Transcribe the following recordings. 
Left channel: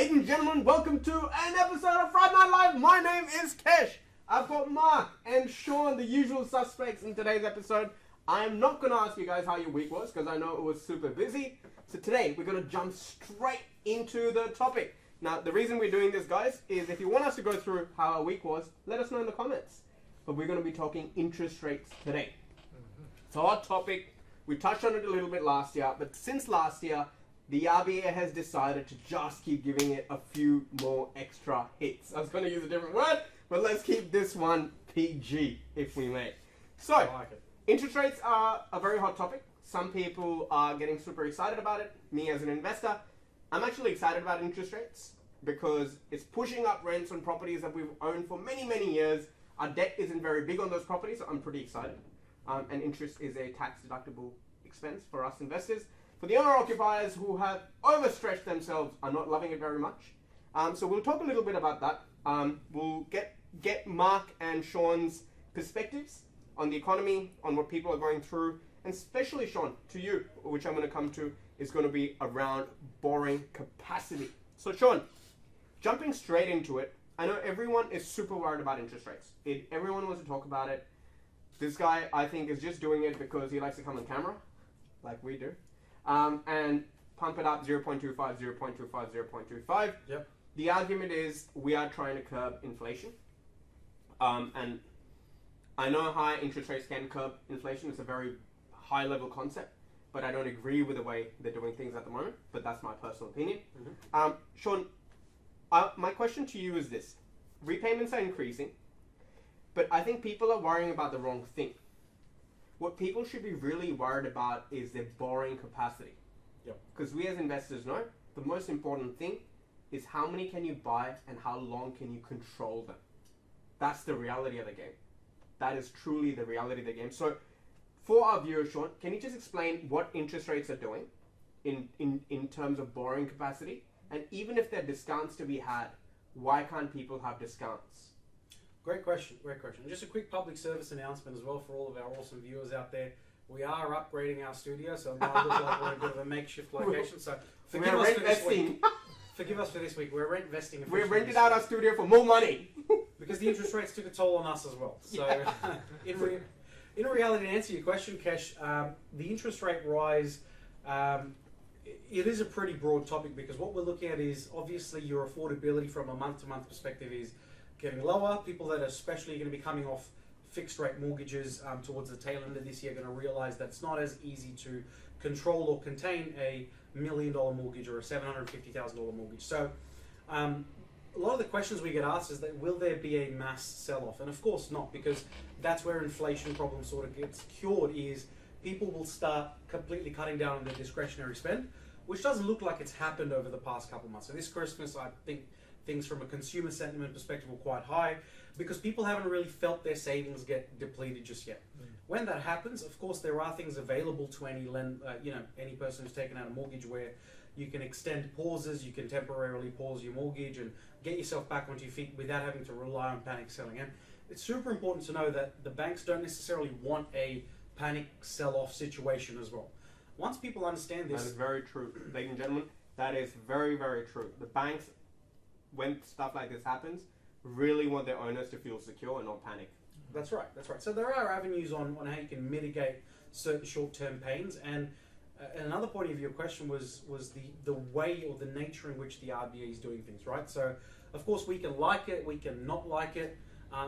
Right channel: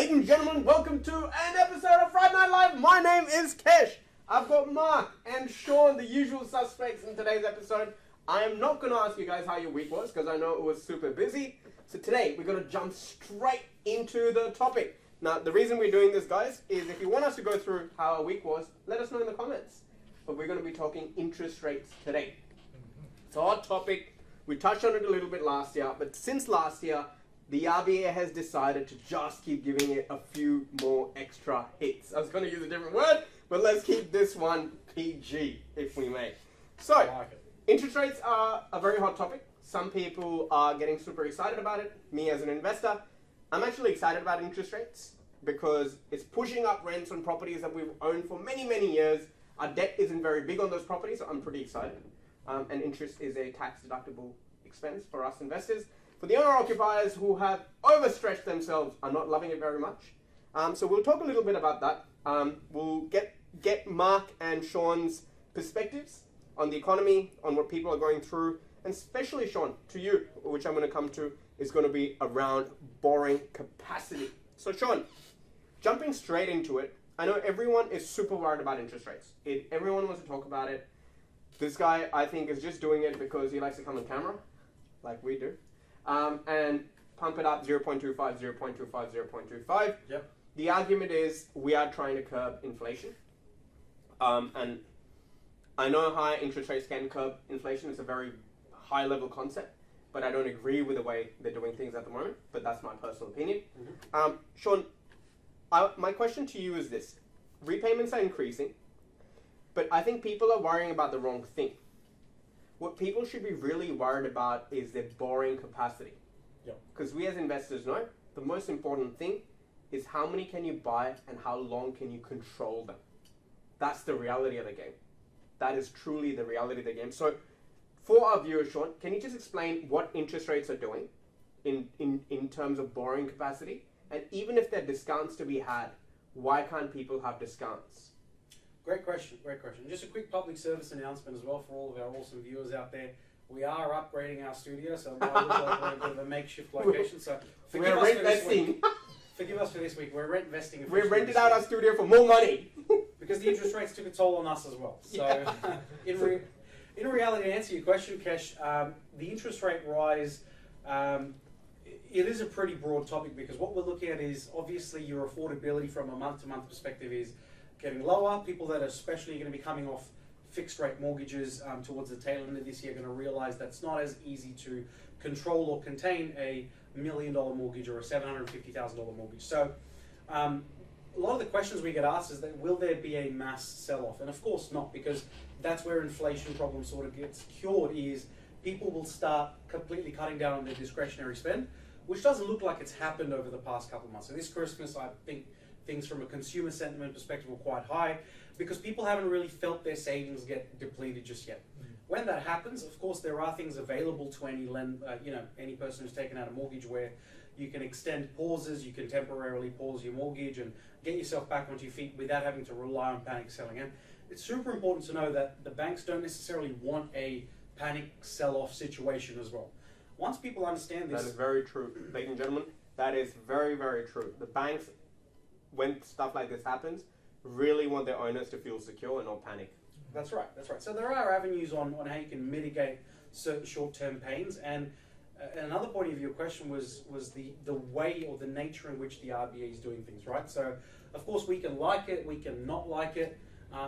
Ladies and gentlemen, welcome to an episode of Friday Night Live. My name is Kesh. I've got Mark and Sean, the usual suspects in today's episode. I am not going to ask you guys how your week was because I know it was super busy. So today we're going to jump straight into the topic. Now, the reason we're doing this, guys, is if you want us to go through how our week was, let us know in the comments. But we're going to be talking interest rates today. It's a hot topic. We touched on it a little bit last year, but since last year, the RBA has decided to just keep giving it a few more extra hits. I was going to use a different word, but let's keep this one PG, if we may. So, interest rates are a very hot topic. Some people are getting super excited about it. Me as an investor, I'm actually excited about interest rates because it's pushing up rents on properties that we've owned for many, many years. Our debt isn't very big on those properties, so I'm pretty excited. And interest is a tax-deductible expense for us investors. For the owner-occupiers who have overstretched themselves are not loving it very much. So we'll talk a little bit about that. We'll get Mark and Sean's perspectives on the economy, on what people are going through, and especially Sean, to you, which I'm going to come to, is going to be around borrowing capacity. So Sean, jumping straight into it, I know everyone is super worried about interest rates. Everyone wants to talk about it. This guy, I think, is just doing it because he likes to come on camera, like we do. And pump it up 0.25, 0.25, 0.25. Yep. The argument is we are trying to curb inflation. And I know higher interest rates can curb inflation. It's a very high level concept, but I don't agree with the way they're doing things at the moment, but that's my personal opinion. Mm-hmm. Sean, my question to you is this. Repayments are increasing, but I think people are worrying about the wrong thing. What people should be really worried about is their borrowing capacity. Because we as investors know the most important thing is how many can you buy and how long can you control them. That's the reality of the game. That is truly the reality of the game. So for our viewers, Sean, can you just explain what interest rates are doing in terms of borrowing capacity? And even if there are discounts to be had, why can't people have discounts? Great question, great question. Just a quick public service announcement as well for all of our awesome viewers out there. We are upgrading our studio, so it might look like we're a bit of a makeshift location. So forgive us for this week. Forgive us for this week. We're rent investing. We rented out our studio for more money. Because the interest rates took a toll on us as well. So yeah. in reality, to answer your question, Kesh, the interest rate rise, it is a pretty broad topic because what we're looking at is obviously your affordability from a month-to-month perspective is getting lower. People that are especially going to be coming off fixed rate mortgages towards the tail end of this year are going to realize that's not as easy to control or contain a $1 million mortgage or a $750,000 mortgage. So a lot of the questions we get asked is that will there be a mass sell-off? And of course not, because that's where inflation problem sort of gets cured, is people will start completely cutting down on their discretionary spend, which doesn't look like it's happened over the past couple of months. So this Christmas, I think things from a consumer sentiment perspective were quite high because people haven't really felt their savings get depleted just yet. When that happens, of course, there are things available to any person who's taken out a mortgage where you can extend pauses, you can temporarily pause your mortgage and get yourself back onto your feet without having to rely on panic selling. And it's super important to know that the banks don't necessarily want a panic sell-off situation as well. Once people understand this... That is very true. Ladies and gentlemen, that is very, very true. The banks, when stuff like this happens, really want their owners to feel secure and not panic. That's right, that's right. So there are avenues on how you can mitigate certain short-term pains. And another point of your question was the way or the nature in which the RBA is doing things, right? So, of course, we can like it, we can not like it.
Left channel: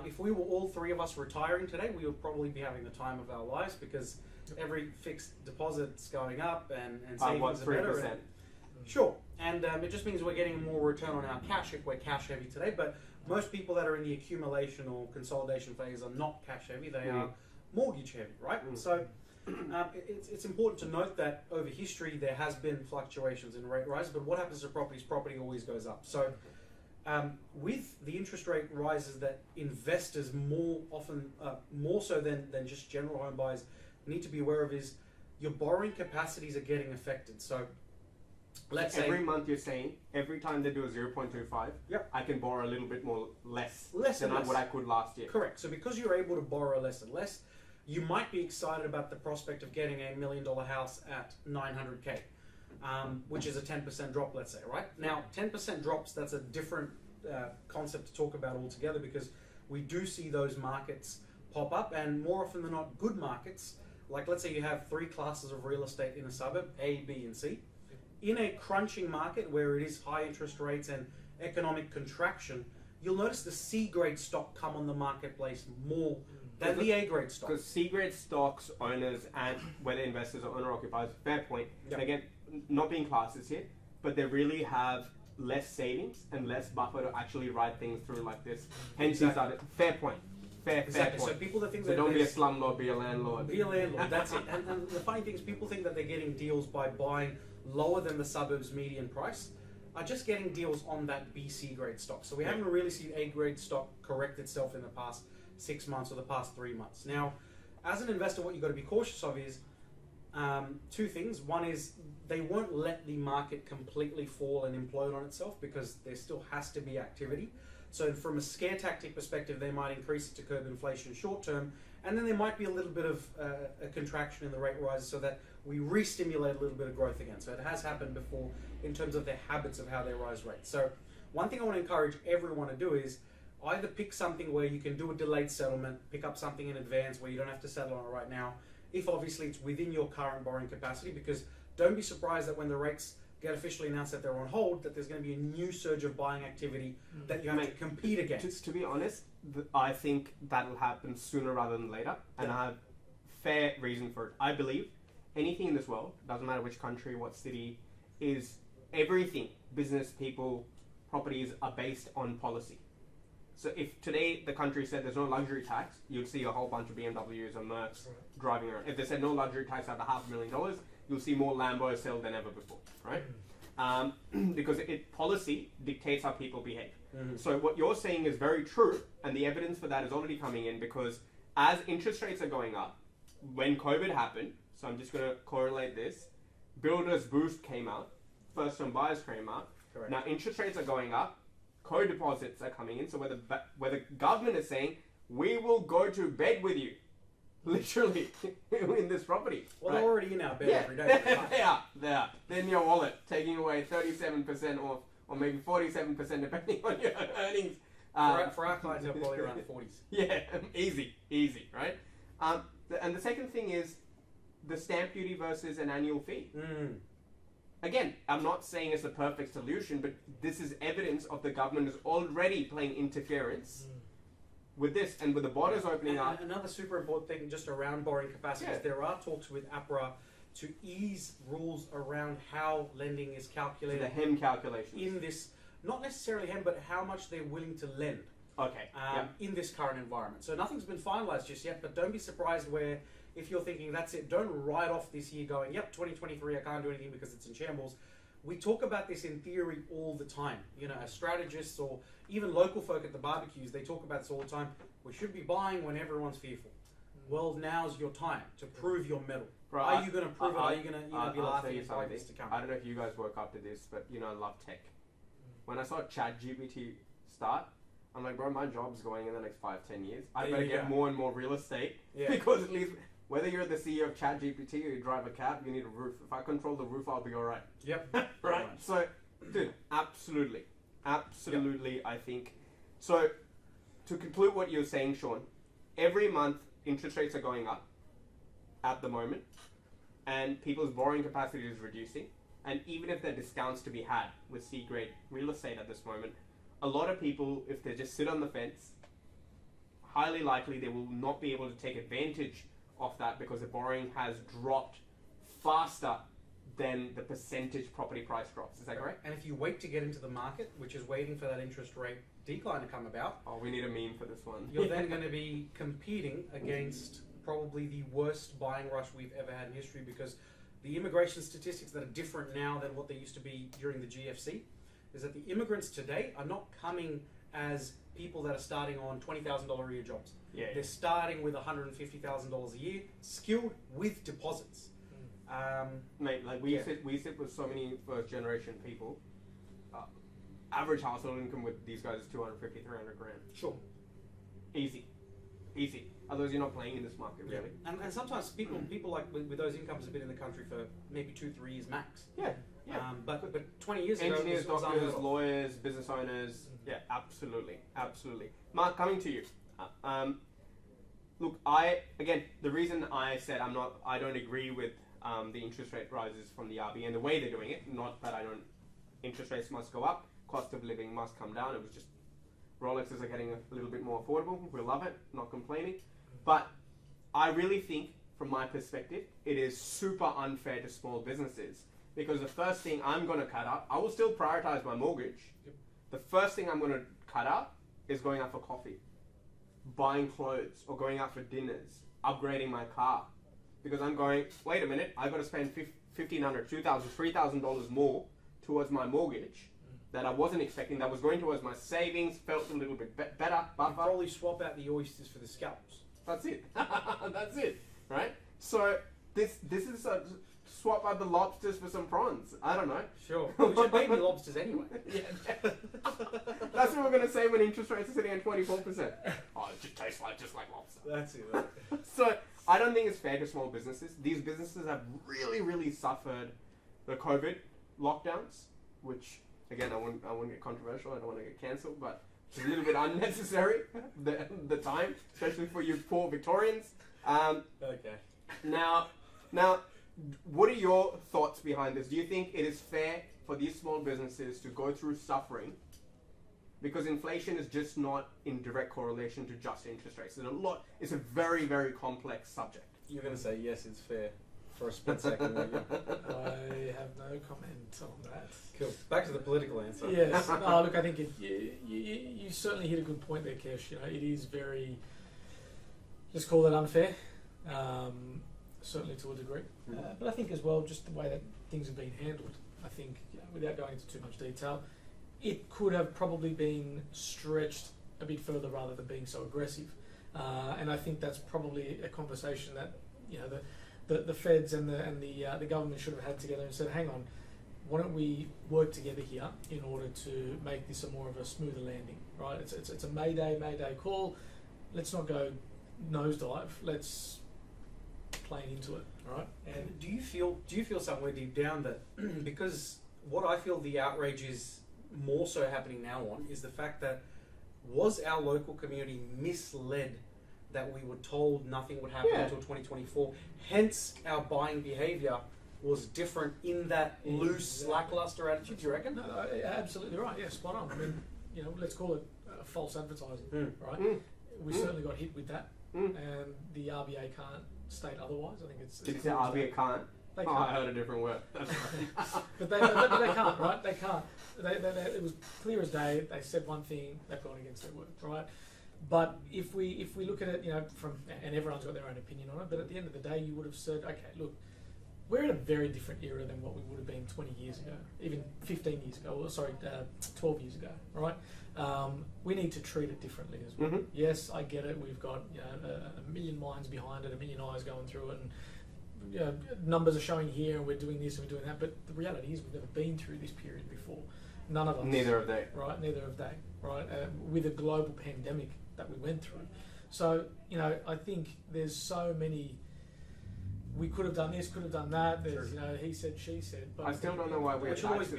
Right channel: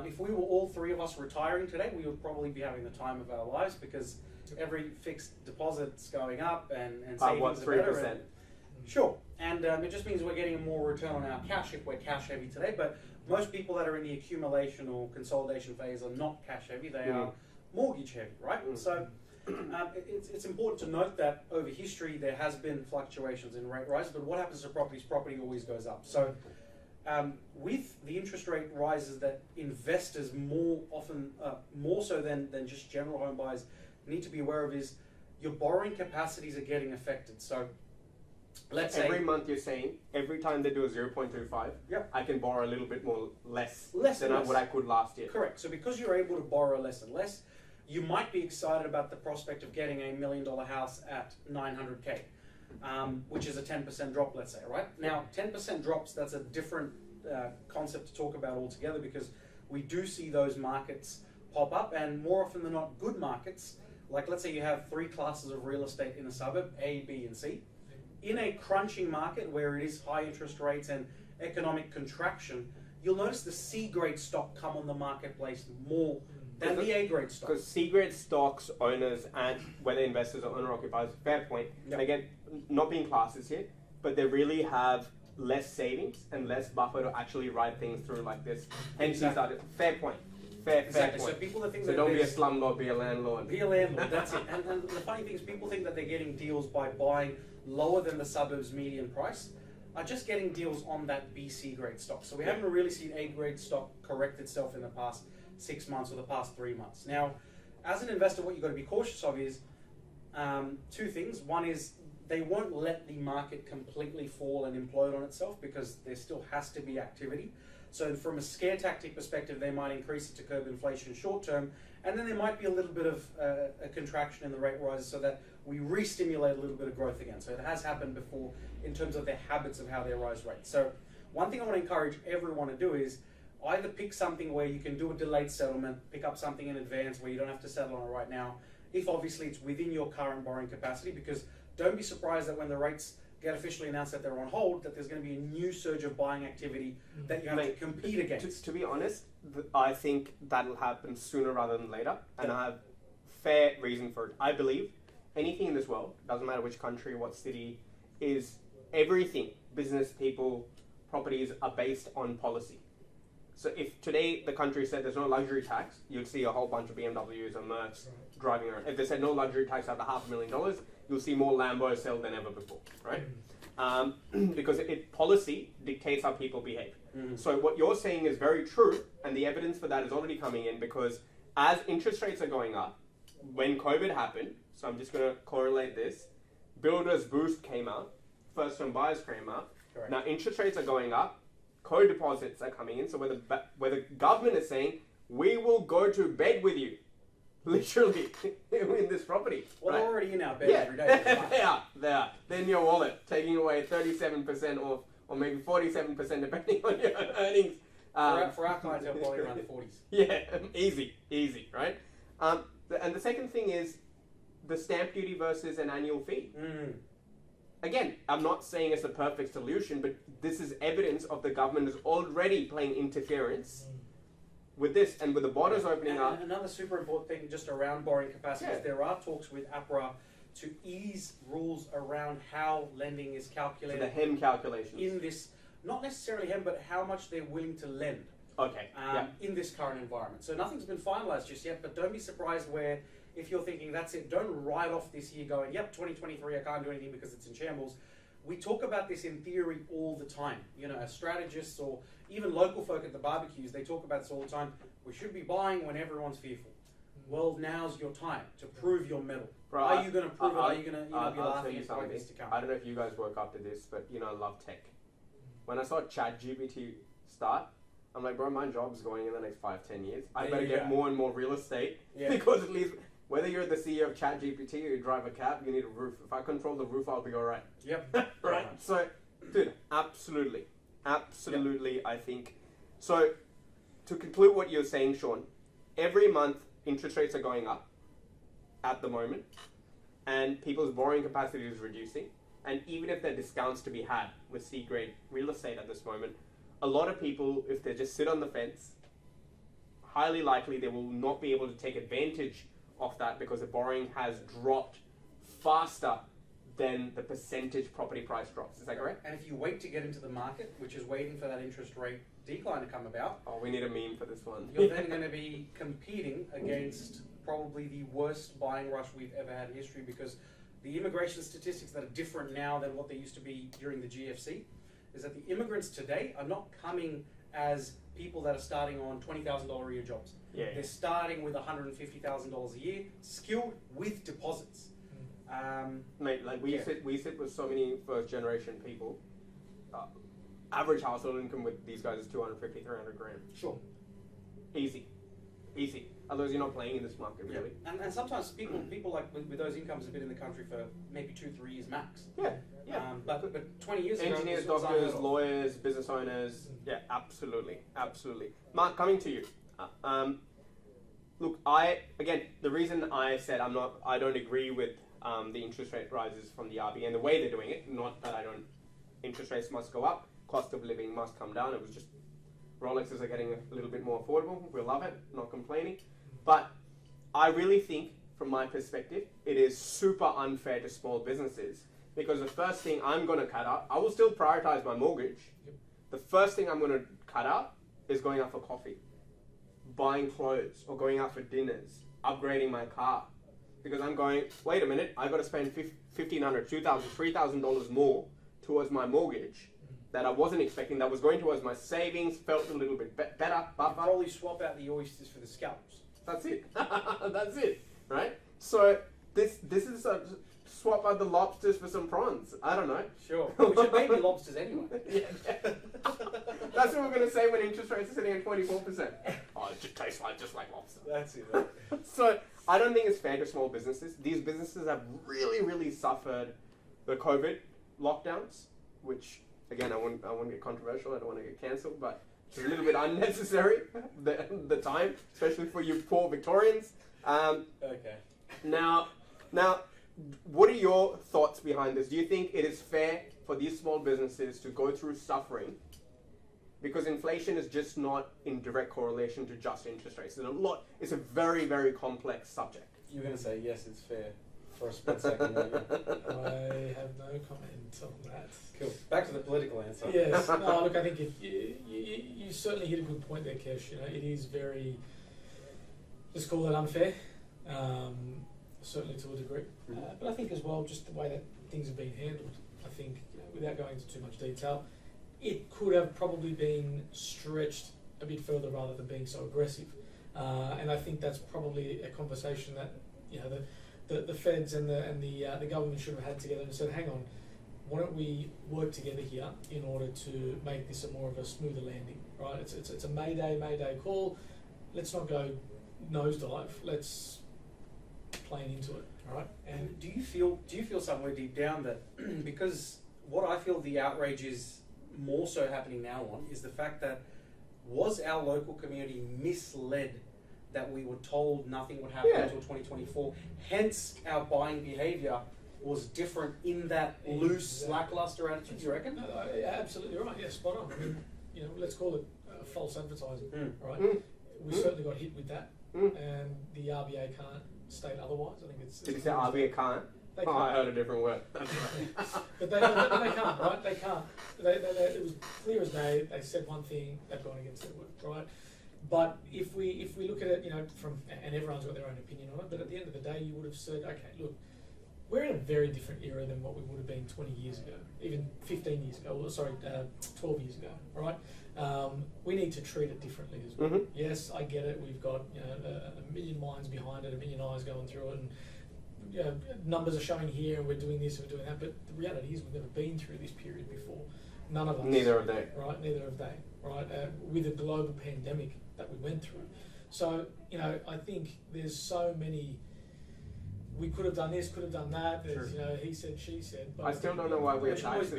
If we were all three of us retiring today, we would probably be having the time of our lives because every fixed deposit's going up and savings are better. 3%? Sure. And it just means we're getting more return on our cash if we're cash heavy today. But most people that are in the accumulation or consolidation phase are not cash heavy. They are mortgage heavy, right? So it's important to note that over history there has been fluctuations in rate rise, but what happens to properties? Property always goes up. So with the interest rate rises that investors more so than just general home buyers need to be aware of is your borrowing capacities are getting affected. So let's say every month you're saying every time they do a 0.25, yep, I can borrow a little bit more less than what I could last year. Correct. So because you're able to borrow less and less, you might be excited about the prospect of getting a $1 million house at 900K. which is a 10% drop, let's say, right? Now, 10% drops, that's a different concept to talk about altogether, because we do see those markets pop up, and more often than not, good markets. Like, let's say you have 3 classes of real estate in a suburb, A, B, and C. In a crunching market where it is high interest rates and economic contraction, you'll notice the C-grade stock come on the marketplace more than the A-grade stock. Because C-grade stocks, owners, and whether investors or owner-occupiers, fair point. Yep. And again, not being classes here, but they really have less savings and less buffer to actually ride things through like this. Hence, you started. Fair point. Fair point. So people that think So that don't be a slumlord, be a landlord. Be a landlord, that's it. And the funny thing is, people think that they're getting deals by buying lower than the suburb's median price, are just getting deals on that BC grade stock. So we haven't really seen A grade stock correct itself in the past 6 months or the past 3 months. Now, as an investor, what you've got to be cautious of is 2 things. One is they won't let the market completely fall and implode on itself, because there still has to be activity. So from a scare tactic perspective, they might increase it to curb inflation short term, and then there might be a little bit of a contraction in the rate rises so that we re-stimulate a little bit of growth again. So it has happened before in terms of their habits of how they rise rates. So one thing I want to encourage everyone to do is either pick something where you can do a delayed settlement, pick up something in advance where you don't have to settle on it right now, if obviously it's within your current borrowing capacity, because don't be surprised that when the rates get officially announced that they're on hold, that there's going to be a new surge of buying activity that you have to compete against. To be honest, I think that'll happen sooner rather than later, and I have fair reason for it. I believe anything in this world, doesn't matter which country, what city, is everything, business, people, properties, are based on policy. So if today the country said there's no luxury tax, you'd see a whole bunch of BMWs or Mercs driving around. If they said no luxury tax after $500,000, you'll see more Lambos sold than ever before, right? Because policy dictates how people behave. So what you're saying is very true, and the evidence for that is already coming in, because as interest rates are going up, when COVID happened, so I'm just going to correlate this, Builders Boost came out, first home buyers came out. Correct. Now interest rates are going up, co-deposits are coming in, so where the government is saying, we will go to bed with you, literally, in this property. Well, right? they're already in our bed every day. They are. They're in your wallet, taking away 37% off, or maybe 47% depending on your earnings. For our clients, they're probably around the 40s. Yeah, easy, right? And the second thing is the stamp duty versus an annual fee. Again, I'm not saying it's a perfect solution, but this is evidence of the government is already playing interference with this, and with the borders opening up. Another super important thing just around borrowing capacity is there are talks with APRA to ease rules around how lending is calculated. So the HEM calculations. In this, not necessarily HEM, but how much they're willing to lend. Okay. In this current environment. So nothing's been finalized just yet, but don't be surprised where, if you're thinking that's it, don't write off this year going, yep, 2023, I can't do anything because it's in shambles. We talk about this in theory all the time. You know, as strategists or even local folk at the barbecues, they talk about this all the time. We should be buying when everyone's fearful. Well, now's your time to prove your mettle. Right, are you going to prove it? Are you going to be I'll tell you laughing something. at this to come? I don't know if you guys woke up to this, but you know, I love tech. When I saw ChatGPT start, I'm like, bro, my job's going in the next 5-10 years. I better get more and more real estate because at least whether you're the CEO of ChatGPT or you drive a cab, you need a roof. If I control the roof, I'll be all right. Yep. Right. So, dude, absolutely, I think. So, to conclude what you're saying, Sean, every month interest rates are going up at the moment, and people's borrowing capacity is reducing. And even if there are discounts to be had with C-grade real estate at this moment, a lot of people, if they just sit on the fence, highly likely they will not be able to take advantage of that because the borrowing has dropped faster than the percentage property price drops. Is that correct? And if you wait to get into the market, which is waiting for that interest rate decline to come about, oh, we need a meme for this one. You're then going to be competing against probably the worst buying rush we've ever had in history, because the immigration statistics that are different now than what they used to be during the GFC is that the immigrants today are not coming as people that are starting on $20,000 a year jobs. They're starting with $150,000 a year, skilled with deposits. Mate, like we sit with so many first generation people. Average household income with these guys is 250, 300 grand. Sure. Easy. Otherwise, you're not playing in this market, really. And sometimes people like with those incomes have been in the country for maybe 2-3 years max. Yeah. But 20 years ago, Engineers, doctors, lawyers, business owners. Yeah, absolutely. Mark, coming to you. Look, the reason I said I don't agree with the interest rate rises from the RBA and the way they're doing it. Not that interest rates must go up, cost of living must come down. It was just Rolexes are getting a little bit more affordable. We love it, not complaining. But I really think, from my perspective, it is super unfair to small businesses because the first thing I'm going to cut out, I will still prioritize my mortgage. Yep. The first thing I'm going to cut out is going out for coffee, buying clothes, or going out for dinners, upgrading my car. Because I'm going, wait a minute, I've got to spend $1,500, $2,000, $3,000 more towards my mortgage that I wasn't expecting, that was going towards my savings, felt a little bit better, buffer. Probably swap out the oysters for the scallops. That's it. That's it, right? So this is a swap out the lobsters for some prawns. I don't know. Sure. We should maybe lobsters anyway. Yeah. That's what we're going to say when interest rates are sitting at 24%. Oh, it just tastes just like lobster. That's it. So I don't think it's fair to small businesses. These businesses have really, really suffered the COVID lockdowns, which, again, I won't get controversial. I don't want to get cancelled, but it's a little bit unnecessary, the time, especially for you poor Victorians. Okay. Now, what are your thoughts behind this? Do you think it is fair for these small businesses to go through suffering because inflation is just not in direct correlation to just interest rates? And it's a very, very complex subject. You're going to say, yes, it's fair for a split second. I have no comment on that. Cool. Back to the political answer. Yes. Look, I think you certainly hit a good point there, Kesh. It is very, let's call it unfair, certainly to a degree. But I think as well, just the way that things have been handled, I think, without going into too much detail, it could have probably been stretched a bit further rather than being so aggressive. And I think that's probably a conversation that the feds and the government should have had together and said, hang on, why don't we work together here in order to make this more of a smoother landing, right? It's a Mayday call. Let's not go nosedive. Let's plane into it, all right? And do you feel somewhere deep down that because what I feel the outrage is more so happening now on is the fact that was our local community misled that we were told nothing would happen until 2024, hence our buying behaviour was different in that loose, lackluster attitude, do you reckon? No, absolutely right, yeah, spot on. I mean, let's call it false advertising, right? We certainly got hit with that, and the RBA can't state otherwise. I think it's... Did you say RBA can't? They can't. I heard a different word. That's right. but they can't, right? They can't. It was clear as day. They said one thing, they've gone against their word, right? But if we look at it, and everyone's got their own opinion on it, but at the end of the day, you would have said, okay, look, we're in a very different era than what we would have been 20 years ago, even 15 years ago, 12 years ago, right? We need to treat it differently as well. Mm-hmm. Yes, I get it. We've got a million minds behind it, a million eyes going through it, and numbers are showing here, and we're doing this and we're doing that. But the reality is, we've never been through this period before. None of us. Neither have they. Right? Neither have they. Right? With a global pandemic that we went through. So I think there's so many. We could have done this, could have done that. There's, he said, she said. But I still don't know why we're taxes.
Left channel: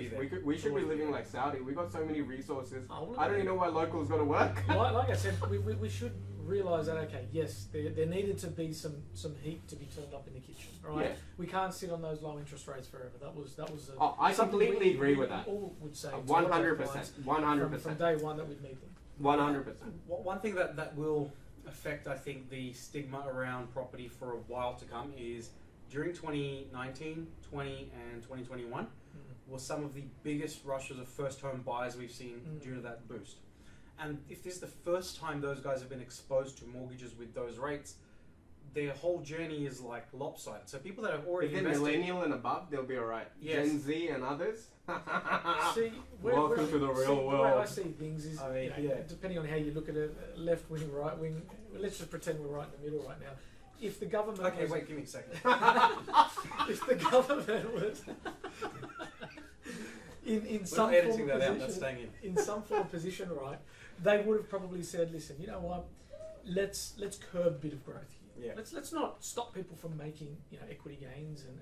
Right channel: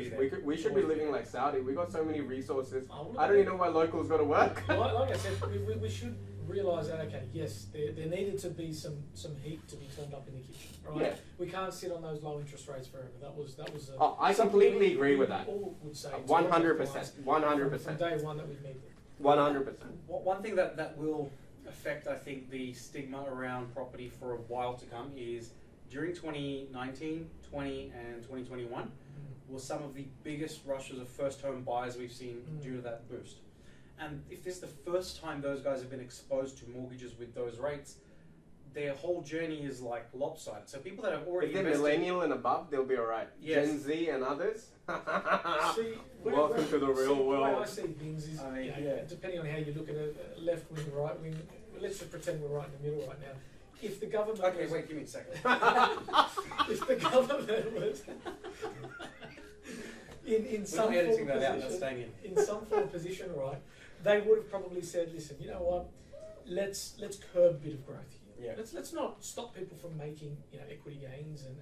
We should be living like Saudi. We got so many resources. I don't even know why locals got to work. Like I said, we should realise that. Okay, yes, there needed to be some heat to be turned up in the kitchen, right? Yeah. We can't sit on those low interest rates forever. That was. I completely agree with that. All would say 100%. 100%. From day one that we've made them. 100%. One thing that will affect, I think, the stigma around property for a while to come is during 2019, 20 and 2021 was some of the biggest rushes of first home buyers we've seen due to that boost. And if this is the first time those guys have been exposed to mortgages with those rates, their whole journey is like lopsided. So people that have already if they're millennial and above, they'll be alright. Yes. Gen Z and others. Welcome to the real world. The way I see things is, depending on how you look at it, left wing, right wing. Let's just pretend we're right in the middle right now. If the government give me a second. If the government was in some form of position, in some form of position, right, they would have probably said, listen, you know what, let's curb a bit of growth here. Yeah. Let's not stop people from making equity gains and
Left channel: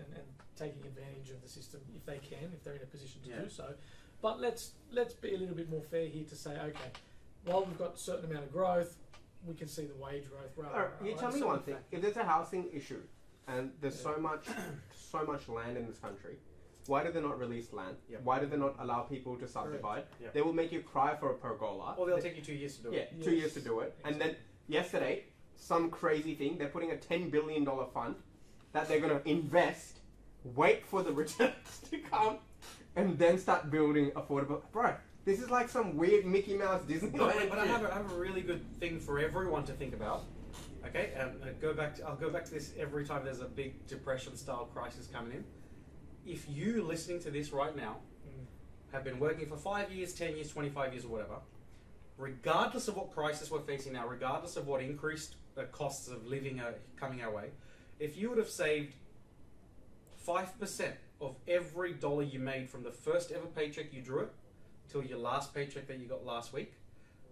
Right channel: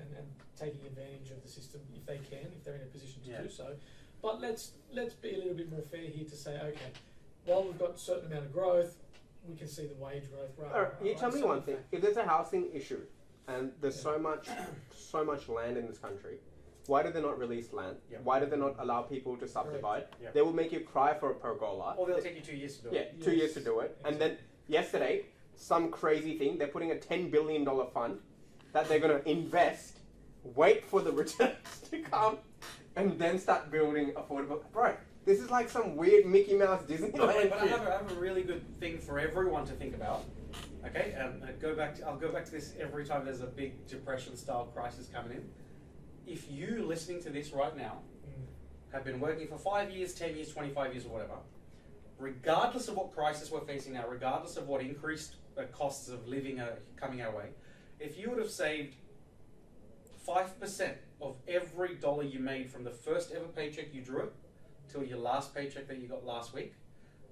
taking advantage of the system if they can, if they're in a position to do so. But let's be a little bit more fair here to say, okay, while we've got a certain amount of growth, we can see the wage growth. You tell me one thing: if there's a housing issue and there's so much land in this country, why do they not release land? Yep. Why do they not allow people to subdivide? Yep. They will make you cry for a pergola. Or they'll take you 2 years to do it. Yeah, 2 years to do it. And then yesterday, some crazy thing, they're putting a $10 billion fund that they're going to invest, wait for the returns to come, and then start building affordable. Bro, this is like some weird Mickey Mouse Disneyland. But I have a really good thing for everyone to think about. Okay, I'll go back to this every time there's a big depression-style crisis coming in. If you listening to this right now have been working for 5 years, 10 years, 25 years, or whatever, regardless of what crisis we're facing now, regardless of what increased costs of living are coming our way, if you would have saved 5% of every dollar you made from the first ever paycheck you drew till your last paycheck that you got last week,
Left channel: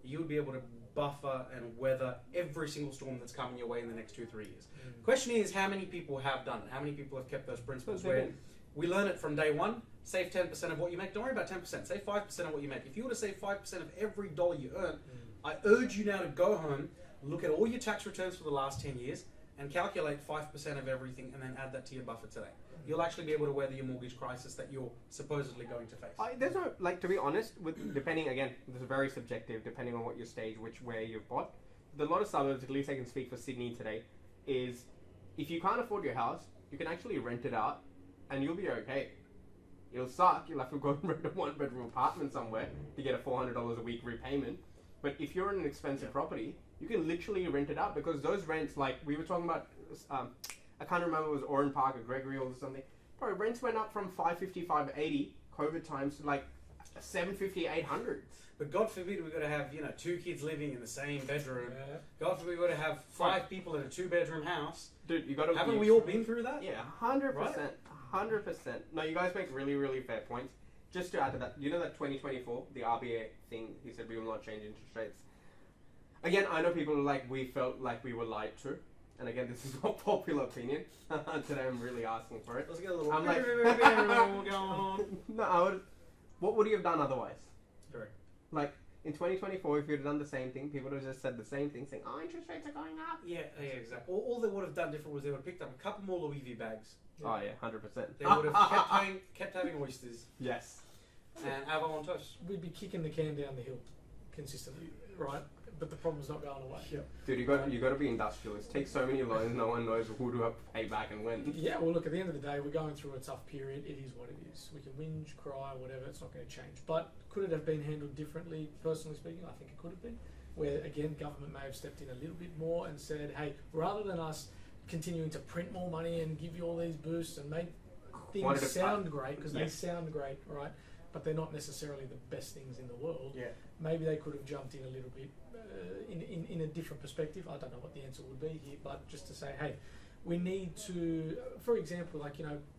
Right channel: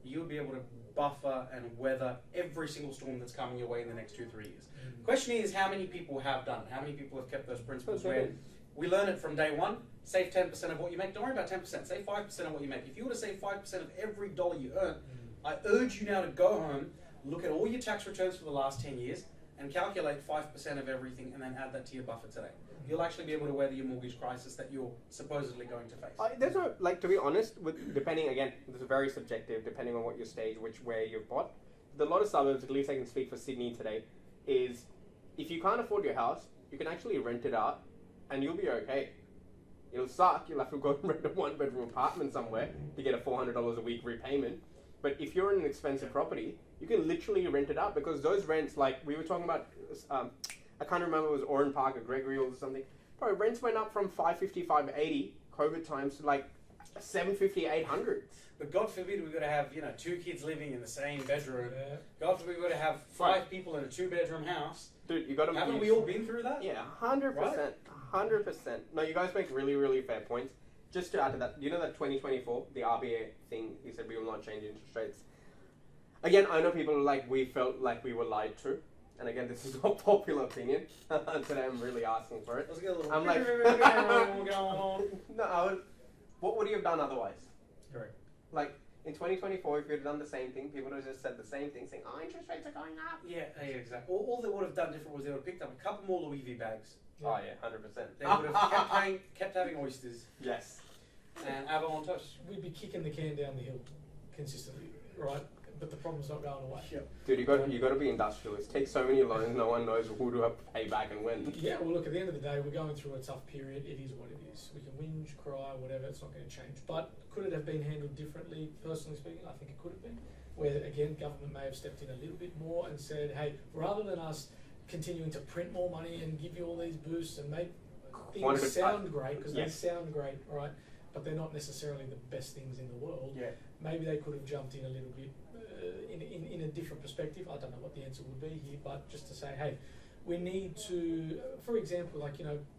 you would be able to buffer and weather every single storm that's coming your way in the next 2 or 3 years. Question is, how many people have done it? How many people have kept those principles where we learn it from day one? Save 10% of what you make. Don't worry about 10%. Save 5% of what you make. If you were to save 5% of every dollar you earn, I urge you now to go home, look at all your tax returns for the last 10 years, and calculate 5% of everything, and then add that to your buffer today. You'll actually be able to weather your mortgage crisis that you're supposedly going to face. There's no, to be honest, depending, again, this is very subjective, depending on what your stage, where you've bought. A lot of suburbs, at least I can speak for Sydney today, is if you can't afford your house, you can actually rent it out, and you'll be okay. It'll suck, you'll have to go and rent a 1-bedroom apartment somewhere to get a $400 a week repayment. But if you're in an expensive property, you can literally rent it out, because those rents, like we were talking about, I can't remember if it was Oran Park or Gregory or something. Bro, rents went up from $550, $580 COVID times to like $750, $800. But God forbid we're going to have 2 kids living in the same bedroom. God forbid we're going to have 5 people in a 2-bedroom house. Dude, you got to. Haven't we all been through that? Yeah, 100%, 100%. No, you guys make really, really fair points. Just to add to that, you know that 2024, the RBA thing, he said we will not change interest rates. Again, I know people are like, we felt like we were lied to. And again, this is not popular opinion. Today I'm really asking for it. Let's get a little I'm like, no, what would you have done otherwise? Correct. Like, in 2024, if you'd have done the same thing, people would have just said the same thing, saying, oh, interest rates are going up. Yeah, exactly. All they would have done different was they would have picked up a couple more Louis V bags. Oh, yeah, 100%. They would have kept having oysters. Yes. And abalone toast. We'd be kicking the can down the hill consistently, right? But the problem's not going away. Yep. Dude, you got to be industrialist. Take so many loans, no one knows who to have to pay back and when. Yeah, well, look, at the end of the day, we're going through a tough period. It is what it is. We can whinge, cry, whatever. It's not going to change. But could it have been handled differently? Personally speaking, I think it could have been. Where again, government may have stepped in a little bit more and said, "Hey, rather than us continuing to print more money and give you all these boosts and make things sound great, because they sound great, right? But they're not necessarily the best things in the world. Yeah. Maybe they could have jumped in a little bit in a different perspective. I don't know what the answer would be here, but just to say, hey, we need to, for example, like,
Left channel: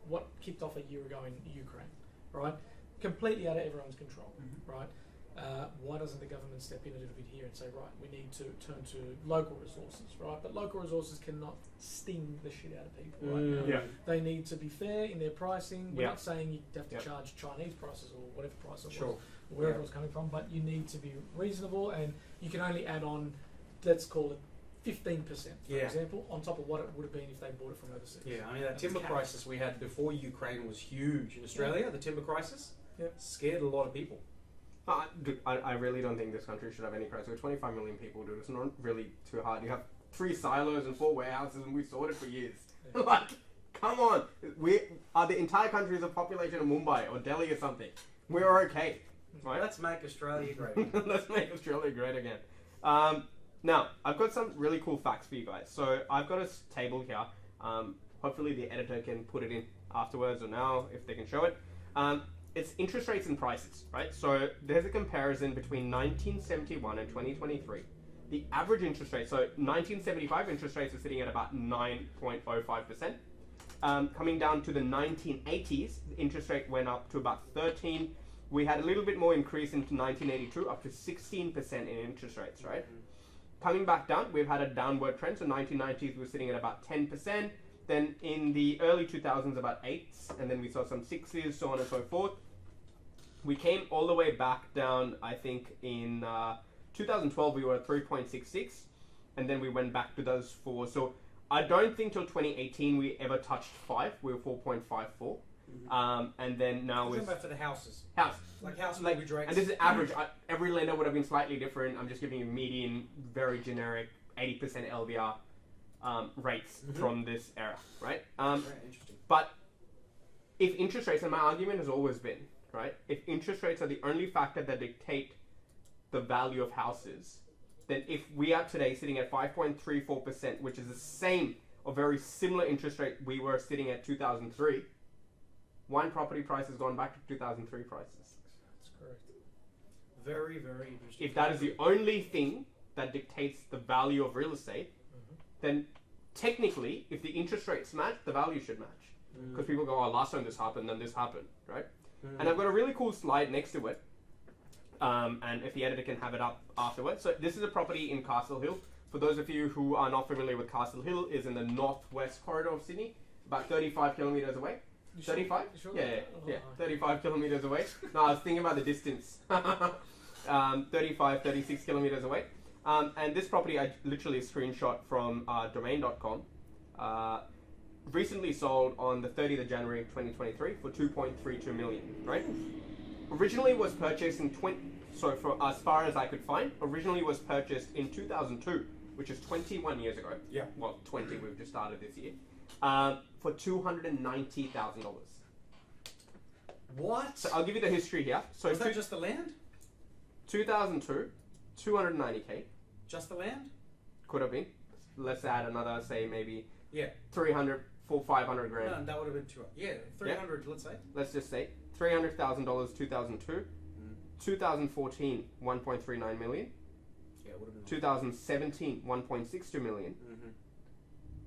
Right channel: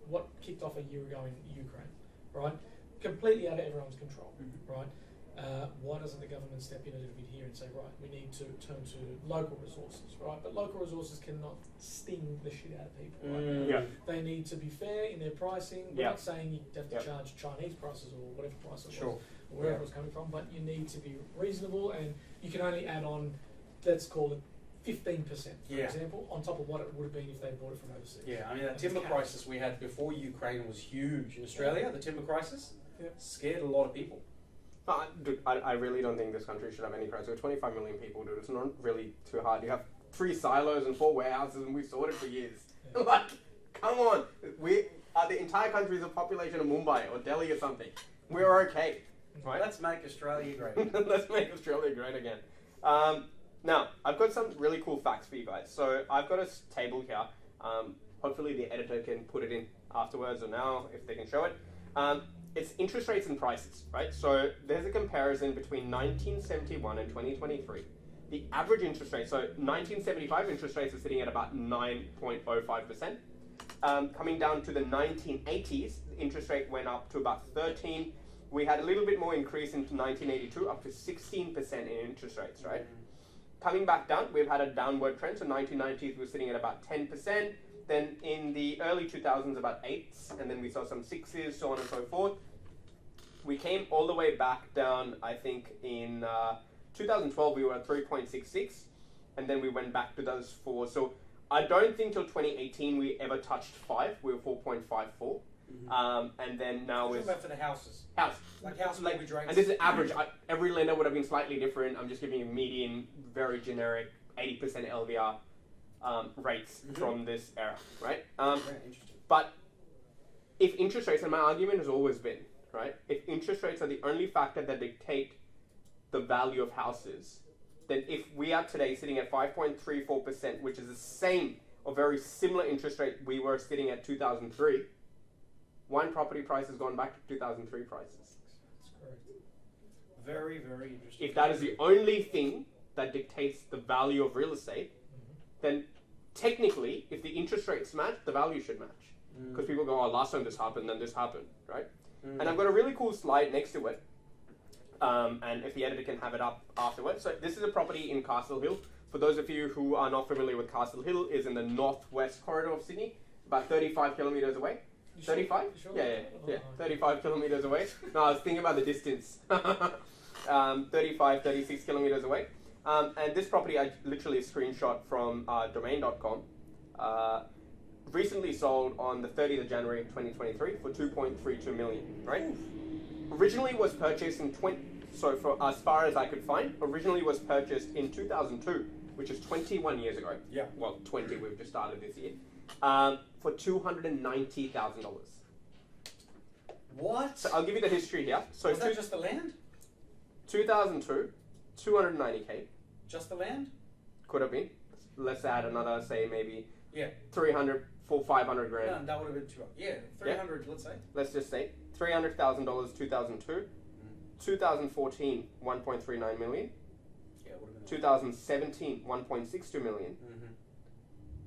what kicked off a year ago in Ukraine, right? Completely out of everyone's control, right? Why doesn't the government step in a little bit here and say, right, we need to turn to local resources, right? But local resources cannot sting the shit out of people, right? They need to be fair in their pricing. We're not saying you have to charge Chinese prices or whatever price it was, wherever it was coming from, but you need to be reasonable, and you can only add on, let's call it 15%, for example, on top of what it would have been if they bought it from overseas. Yeah, I mean, that timber crisis we had before Ukraine was huge. In Australia, the timber crisis scared a lot of people. Dude, I really don't think this country should have any crisis. We're 25 million people, dude. It's not really too hard. You have 3 silos and 4 warehouses, and we've sorted for years. Yeah. Like, come on. The entire country is a population of Mumbai or Delhi or something. We're okay. Right? Let's make Australia great. Let's make Australia great again. Now, I've got some really cool facts for you guys. So I've got a table here. Hopefully the editor can put it in afterwards or now, if they can show it. It's interest rates and prices, right? So there's a comparison between 1971 and 2023. The average interest rate, so 1975 interest rates are sitting at about 9.05%. Coming down to the 1980s, the interest rate went up to about 13. We had a little bit more increase into 1982, up to 16% in interest rates, right? coming back down, we've had a downward trend. So 1990s, we were sitting at about 10%. Then in the early 2000s, about 8s. And then we saw some 6s, so on and so forth. We came all the way back down, I think, in 2012, we were at 3.66. And then we went back to those 4. So I don't think till 2018 we ever touched 5. We were 4.54. And then now Talking it's... about for the houses. House. Like house Like, mortgage rates. and this is average. Every lender would have been slightly different. I'm just giving you median, very generic, 80% LVR rates from this era, right? Very interesting. But if interest rates, and my argument has always been, right, if interest rates are the only factor that dictate the value of houses, then if we are today sitting at 5.34%, which is the same or very similar interest rate we were sitting at 2003, one property price has gone back to 2003 prices. That's correct. Very, very interesting. If that is the only thing that dictates the value of real estate, then technically, if the interest rates match, the value should match. Because people go, oh, last time this happened, then this happened, right? And I've got a really cool slide next to it. And if the editor can have it up afterwards. So this is a property in Castle Hill. For those of you who are not familiar with Castle Hill, is in the northwest corridor of Sydney, about 35 kilometers away. 35? Sure? Yeah, 35 kilometers away. No, I was thinking about the distance. 35, 36 kilometers away. And this property, I literally screenshot from domain.com. Recently sold on the 30th of January 2023 for 2.32 million, right? Originally was purchased in so for as far as I could find, originally was purchased in 2002, which is 21 years ago. Yeah. Well, 20, we've just started this year. For $290,000. What? So I'll give you the history here. So Was that just the land? 2002, 290K. Just the land? Could have been. Let's add another, say maybe Yeah. 300, 500 grand. No, that would have been too. Yeah, 300. Let's say. Let's just say $300,000 2002, 2014 1.39 million, Yeah, it would have been. 2017 1.62 million,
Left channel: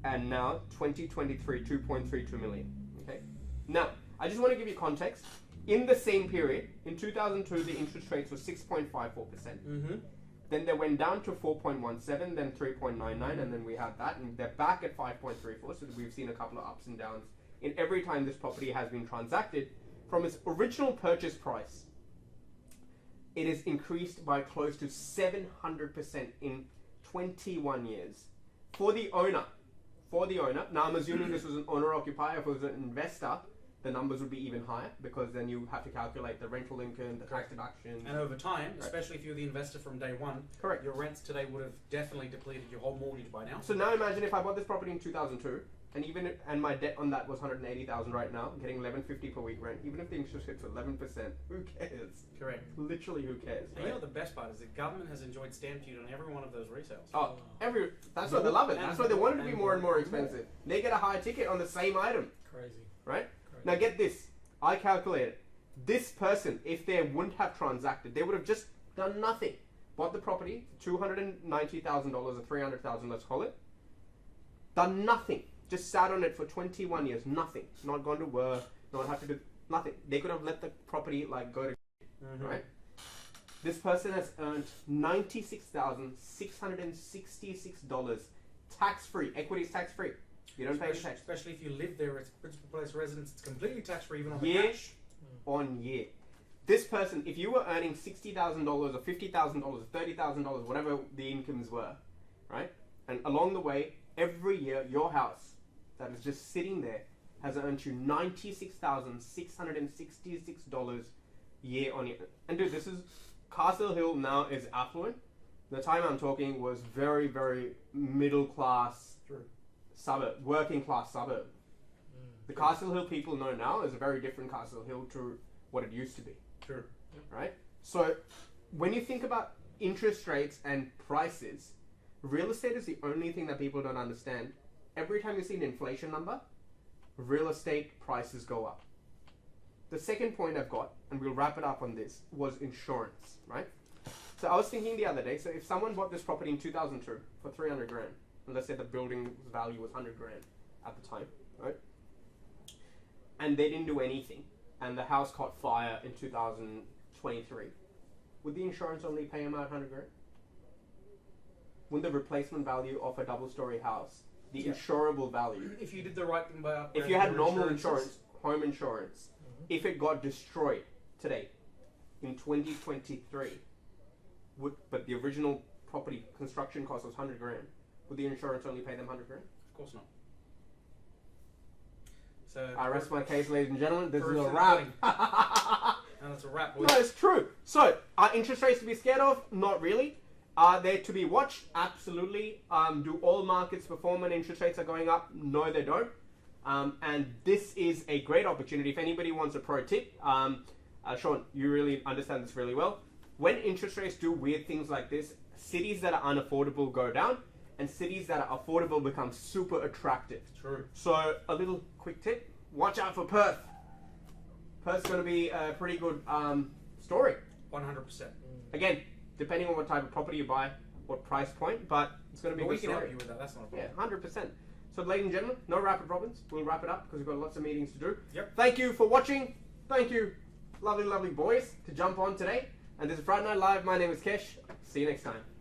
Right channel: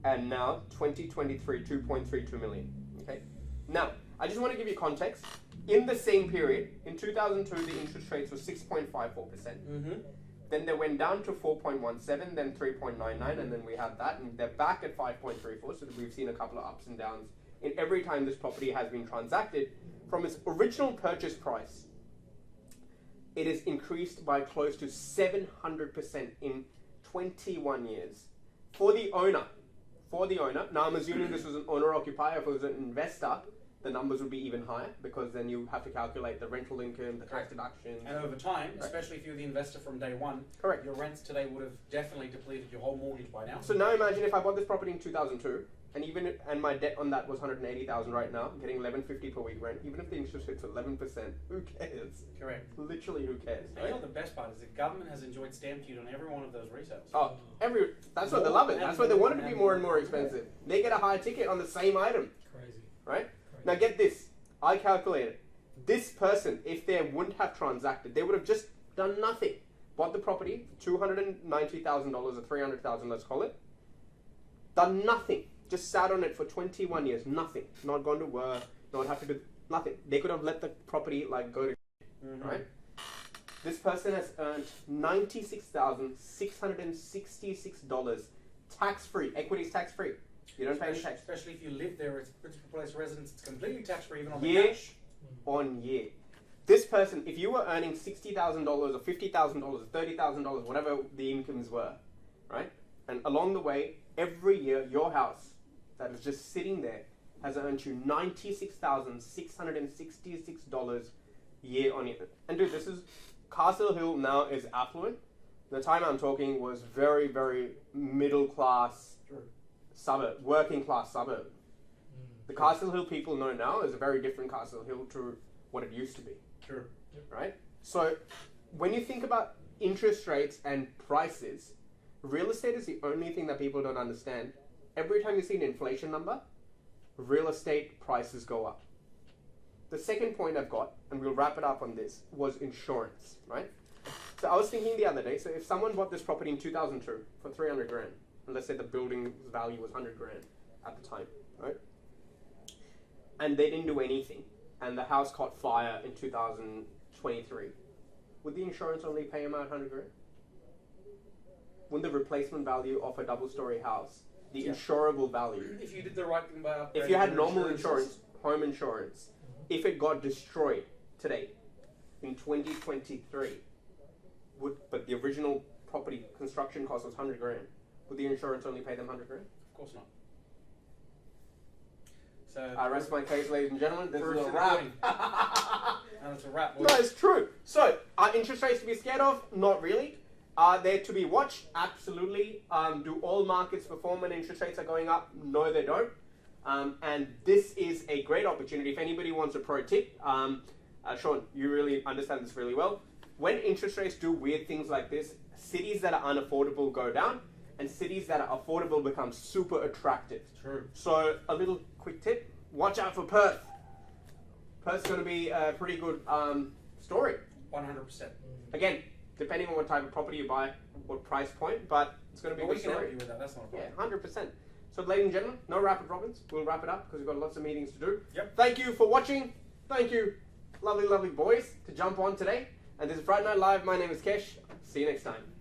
and now 2023 2.32 million. Okay. Now I just want to give you context. In the same period, in 2002, the interest rates were 6.54%. Then they went down to 4.17, then 3.99, and then we have that, and they're back at 5.34. So we've seen a couple of ups and downs in every time this property has been transacted. From its original purchase price, it is increased by close to 700% in 21 years. For the owner, now I'm assuming this was an owner-occupier. If it was an investor, the numbers would be even higher, because then you have to calculate the rental income, the tax deductions. And over time, especially if you're the investor from day one, Correct. your rents today would have definitely depleted your whole mortgage by now. So now imagine if I bought this property in 2002, and my debt on that was 180,000 right now, I'm getting 1150 per week rent. Even if the interest rate's 11%, who cares? Correct. Literally, who cares? And you know what the best part is? The government has enjoyed stamp duty on every one of those resales. Oh, that's why they love it. That's why they want it to be more and more expensive. They get a higher ticket on the same item, Crazy. right? Now get this. I calculated. This person, if they wouldn't have transacted, they would have just done nothing. Bought the property for $290,000 or $300,000, let's call it. Done nothing. Just sat on it for 21 years. Nothing. Not gone to work. Not have to do nothing. They could have let the property go to right? This person has earned $96,666 tax-free. Equity is tax-free. You don't pay any tax. Especially if you live there, it's principal place residence, it's completely tax-free even on the Year cash. on year. This person, if you were earning $60,000 or $50,000 or $30,000, whatever the incomes were, right? And along the way, every year, your house that is just sitting there has earned you $96,666 year on year. And dude, this is, Castle Hill now is affluent. The time I'm talking was very, very middle class suburb, working class suburb. The Castle Hill people know now is a very different Castle Hill to what it used to be. Sure. Right? So when you think about interest rates and prices, real estate is the only thing that people don't understand. Every time you see an inflation number, real estate prices go up. The second point I've got, and we'll wrap it up on this, was insurance, right? So I was thinking the other day, so if someone bought this property in 2002 for 300 grand, and let's say the building's value was 100 grand at the time, right? And they didn't do anything, and the house caught fire in 2023, would the insurance only pay them out 100 grand? wouldn't the replacement value of a double-story house, the Yeah. insurable value, If you did the right thing by upgrading if you had your normal insurances, insurance, home insurance, if it got destroyed today in 2023, but the original property construction cost was 100 grand, would the insurance only pay them 100 grand? of course not. So I rest my case, ladies and gentlemen. This is proof's a in the wrap. pudding. And it's a wrap. No, it's true. So, are interest rates to be scared of? Not really. Are they to be watched? Absolutely. Do all markets perform when interest rates are going up? No, they don't. And this is a great opportunity. If anybody wants a pro tip, Sean, you really understand this really well. When interest rates do weird things like this, cities that are unaffordable go down, and cities that are affordable become super attractive. True. So, a little quick tip: watch out for Perth. Perth's going to be a pretty good story. 100%. Again, depending on what type of property you buy, what price point, but it's going to be But a we good can help story. you with that. That's not a Yeah, problem. 100%. So, ladies and gentlemen, no rapid problems. We'll wrap it up because we've got lots of meetings to do. Yep. Thank you for watching. Thank you, lovely, lovely boys, to jump on today. And this is Friday Night Live. My name is Kesh. See you next time.